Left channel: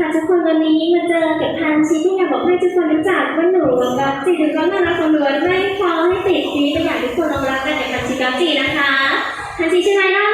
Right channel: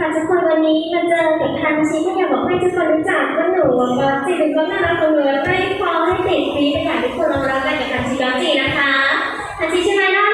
ค่ะทุกคนวันนี้มาเจอกับทางชีที่อยากบอกให้ทุกคนรู้จักว่าหนูบก็จีนก็น่ารักคนหนูได้ความให้ติดซีดไปอยากทุกคนรับรักกันกับทางชีกับจีนะคะทางชีใช่ไหมล่ะ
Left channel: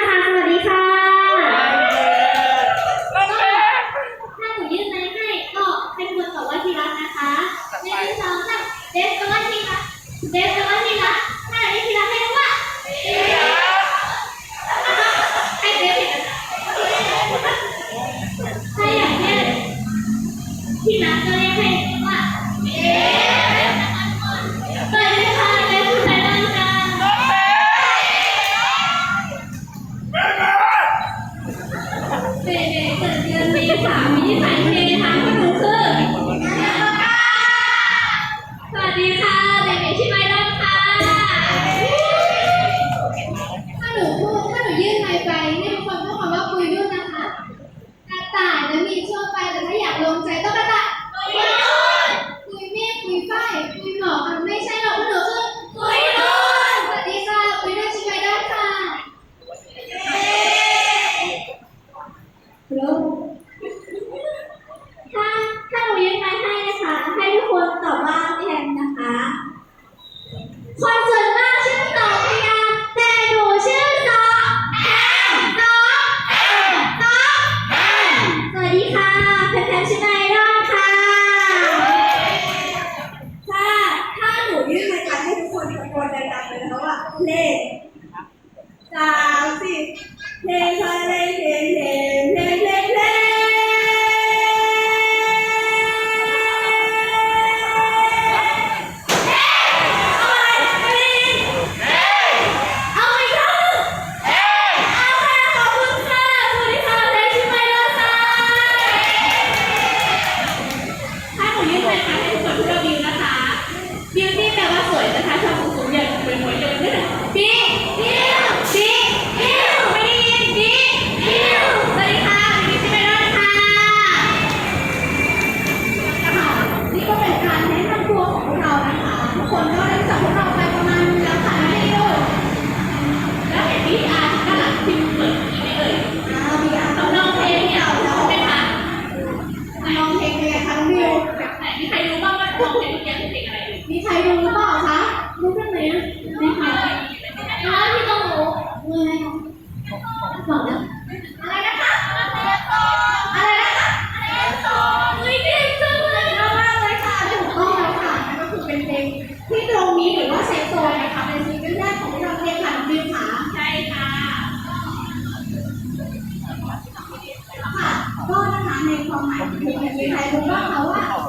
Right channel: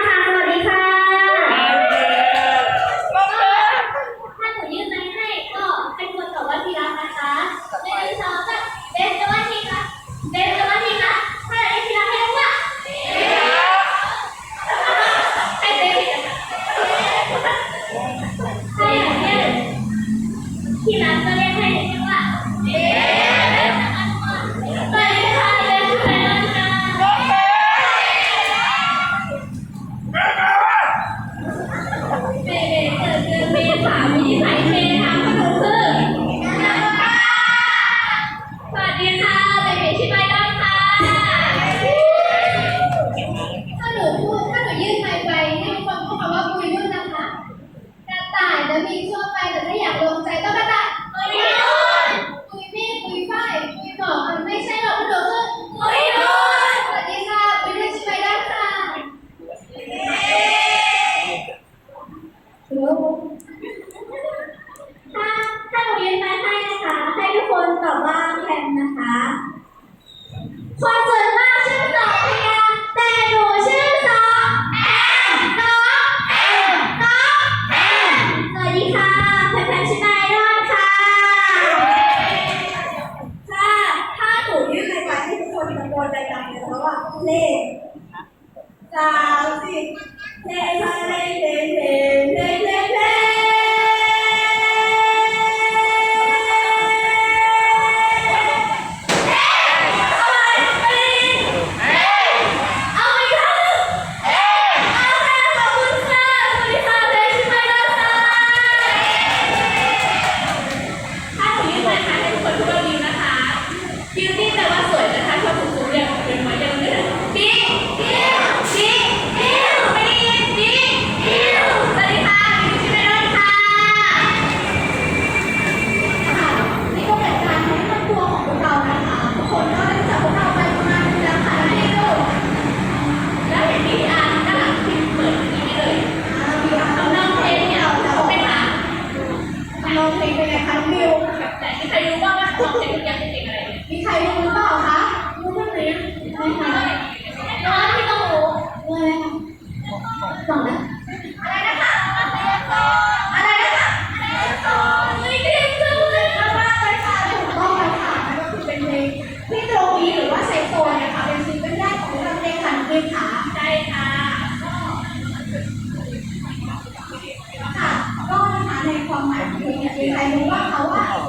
彩虹好 đừng!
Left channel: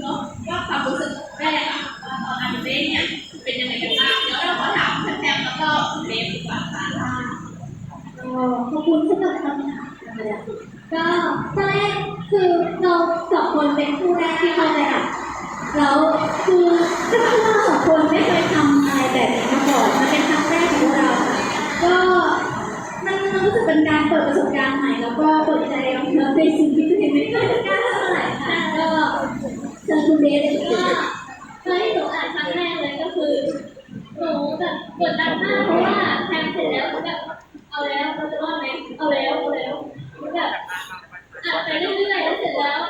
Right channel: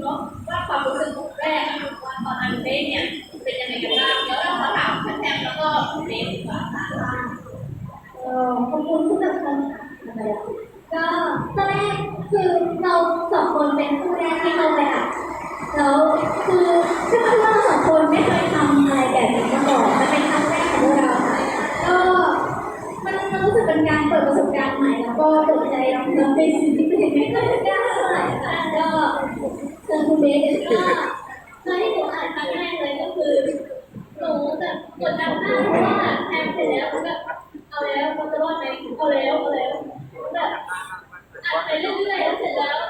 เนาะว่าความรู้สึกของ กดดันมากเาะว่าแทนเสร็จแล้วก็แบบเอาแล้วเราจะรอดไหมเอาแล้วเอาแล้วแบบอะไปเรื่อยๆแล้วเสร็จแล้ว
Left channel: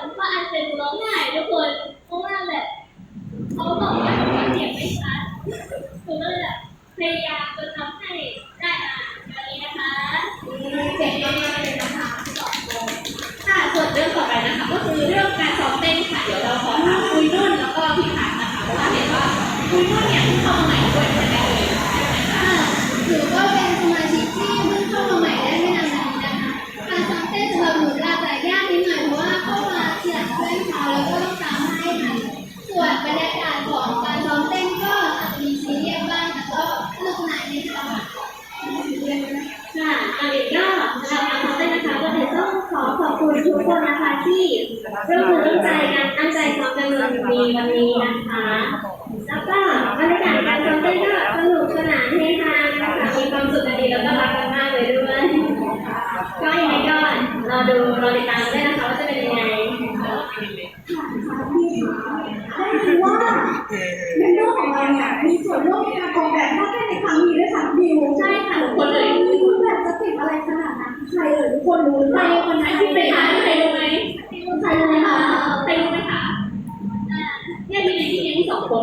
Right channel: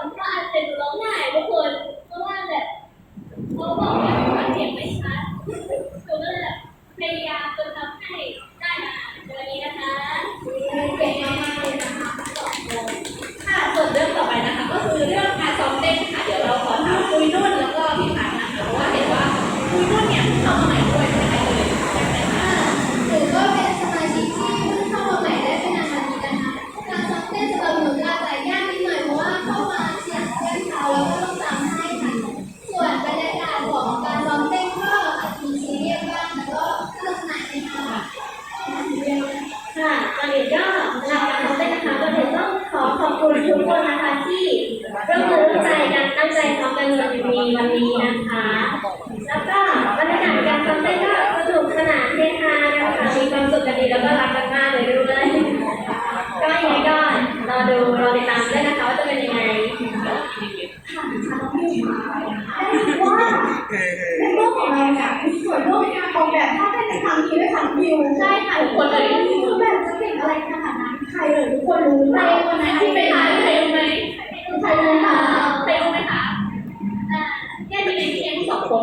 ของเราเนี่ยมีส่วนร่วมในการออกแบบท่าเต้นในครั้งนี้ด้วยค่ะบิวใช่ค่ะทุกคนเลยคือแบบจะติดอะไรขนาดนั้นใครเอ่ยทุกคนรู้หรือเปล่าครที่ไปหาใครรู้ไหมใครรู้ใครรู้ไหมคะใครรู้ไหมคะอ่าเนี่ยมีในที่เองสองคน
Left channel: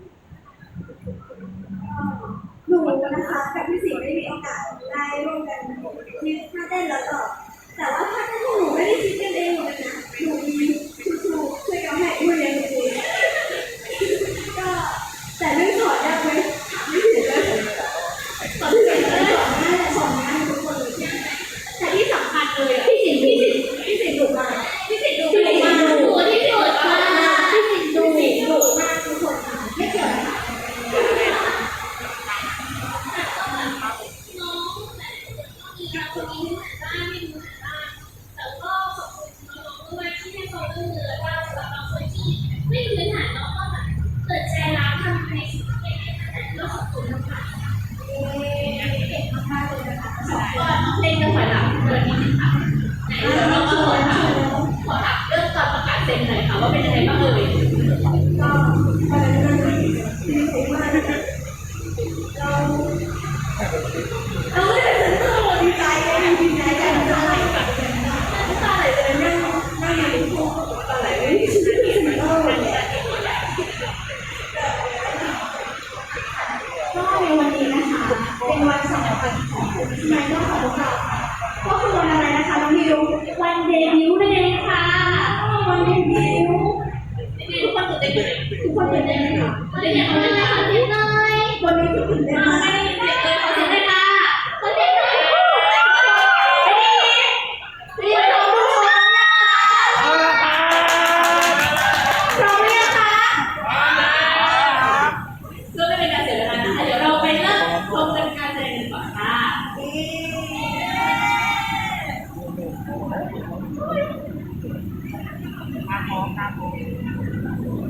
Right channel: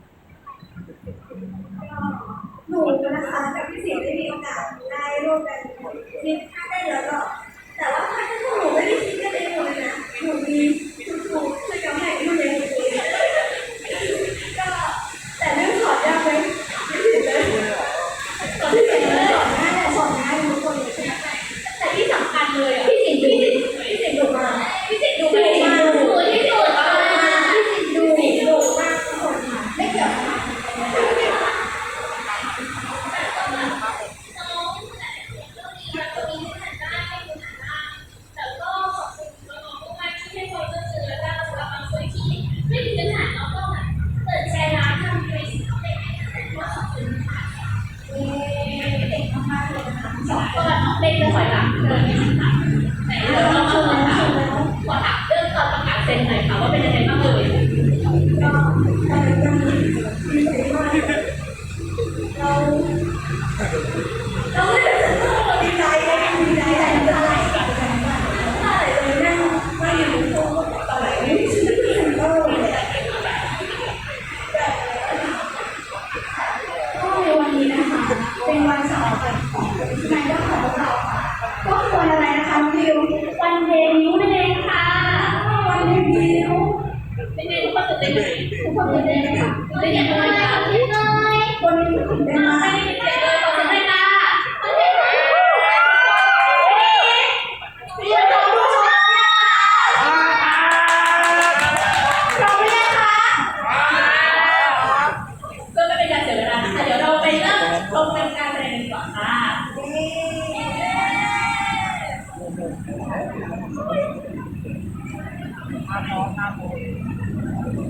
cooking ako.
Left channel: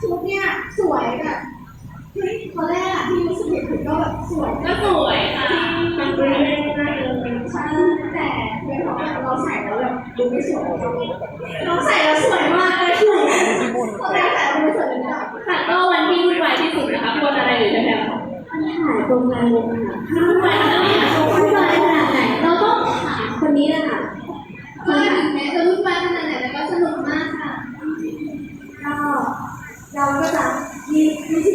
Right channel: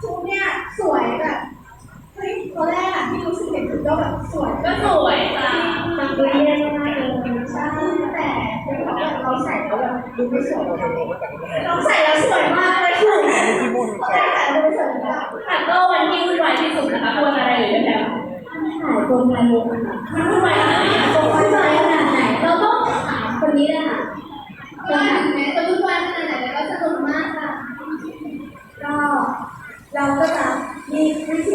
ชุดเนี่ยสวยแบบเฮ้ยตอนแรกอะที่รู้สึกเห็นถึงก็แบบสวยก็สวยค่ะจำเป็นได้มากเลยใช่แต่เดี๋ยวเราใส่แล้วแบบดูไม่สวยเราใส่แล้วสวยมากเลยคือแต่แต่ดูสวยนะค่ก็วันที่วุ่นวายที่สุดนะคะเพราวันอะไรเลยแถวมันหายตรงไปเลยค่ะวุ่นวายขนาดไหนเราต้องถามคนนี้แหละค่ะคนไหนแม่จะรู้ ก็เราก็จะมีวิธี